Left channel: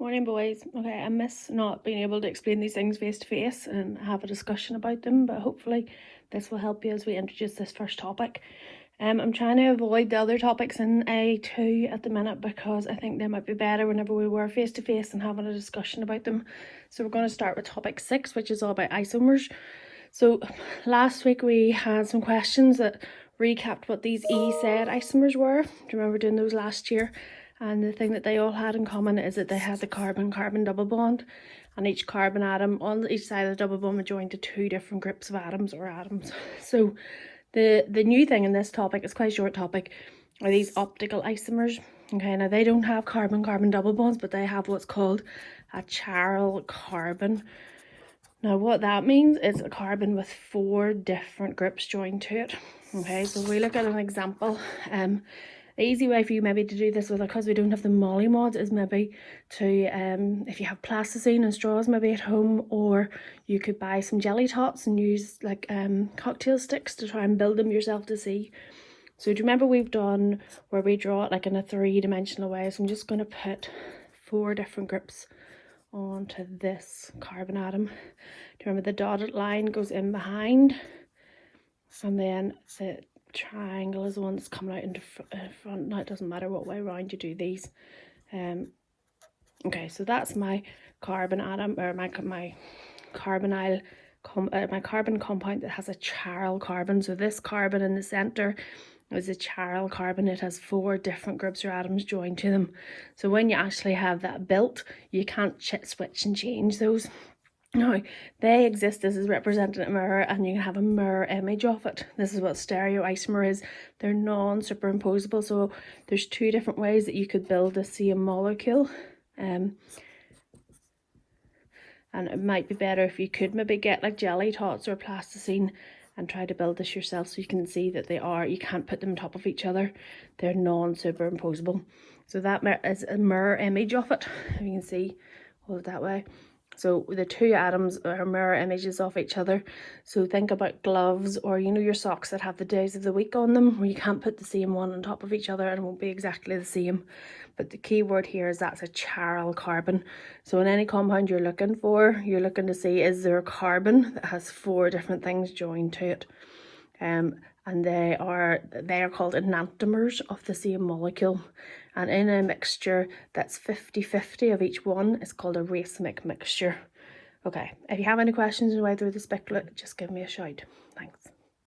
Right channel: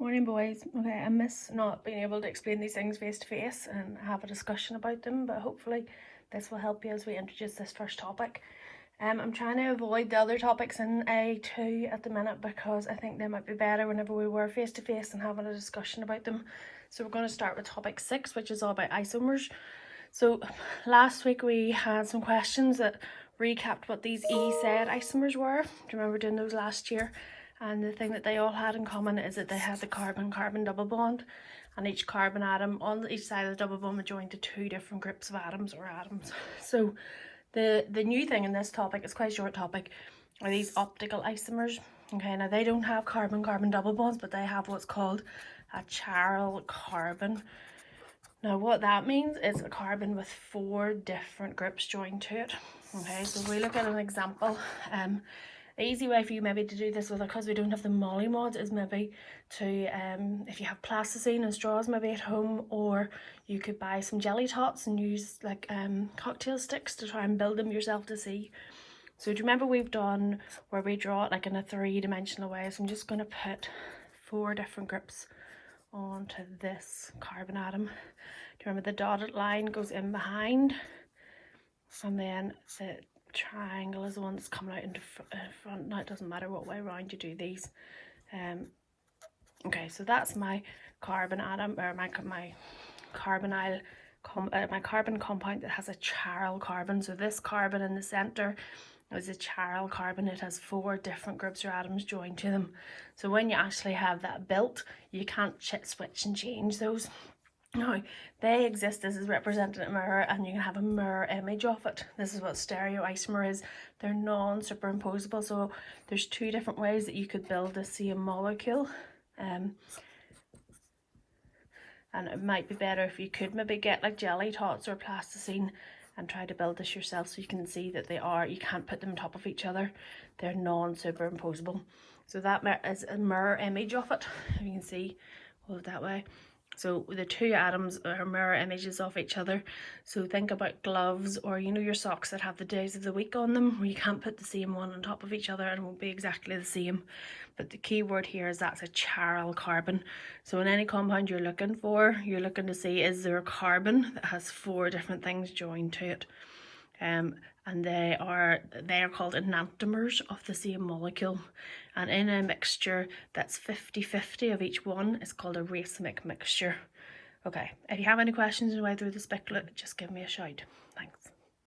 Morning, boys. Okay, I miss not being able to explain these things face to face and have a discussion about them, but hopefully this will help you as we introduce this first topic. I'm trying to avoid the other topics in A2 at the minute because I think they might be better whenever we were face to face and having a discussion about them. So we're going to start with topic 6, which is all about isomers. So last week we had some questions that recapped what these E-said isomers were. Do you remember doing those last year? And the thing that they all had in common is that they had the carbon-carbon double bond, and each carbon atom on each side of the double bond would join to 2 different groups of atoms or atoms. So the new thing in this topic, it's quite a short topic, are these optical isomers. Okay, now they don't have carbon-carbon double bonds, but they have what's called a chiral carbon. Now what that means is a carbon with 4 different groups joined to it. Okay, so we look at an example. The easy way for you maybe to do this with, because we don't have the molly mod, is maybe to, if you have plasticine and straws maybe at home, or you could buy some jelly tots and use like cocktail sticks to try and build them yourself to see. So do you remember we've done where we draw it like in a 3-dimensional way? So I'm just going to put 4 different groups onto this carbon atom. Do you remember the dotted line goes in behind, and then the triangle is the one that's coming out into front. Now it doesn't matter what way around you do these. Okay, so that's my carbon atom, or my carbonyl my carbon compound that has a chiral carbon. So this carbon in the center is a chiral carbon. It has 4 different groups or atoms joined to them. So when you actually have that built, you can't switch and change those. Now, they exist. This is represented in a mirror, and you can have a mirror image of it. This is what stereoisomer is. They're non-superimposable, so there's 2 different ways that you could build the same molecule. And it might be better if you could maybe get like jelly tots or plasticine and try to build this yourself, so you can see that you can't put them on top of each other. They're non-superimposable. So that is a mirror image of it. You can see, hold it that way. So the 2 atoms are mirror images of each other. So think about gloves, or you know, your socks that have the days of the week on them, where you can't put the same one on top of each other and it won't be exactly the same. But the key word here is that's a chiral carbon. So in any compound you're looking to see, is there a carbon that has 4 different things joined to it. And they are called enantiomers of the same molecule. And in a mixture that's 50-50 of each one, it's called a racemic mixture. Okay, if you have any questions on the way through this booklet, just give me a shout.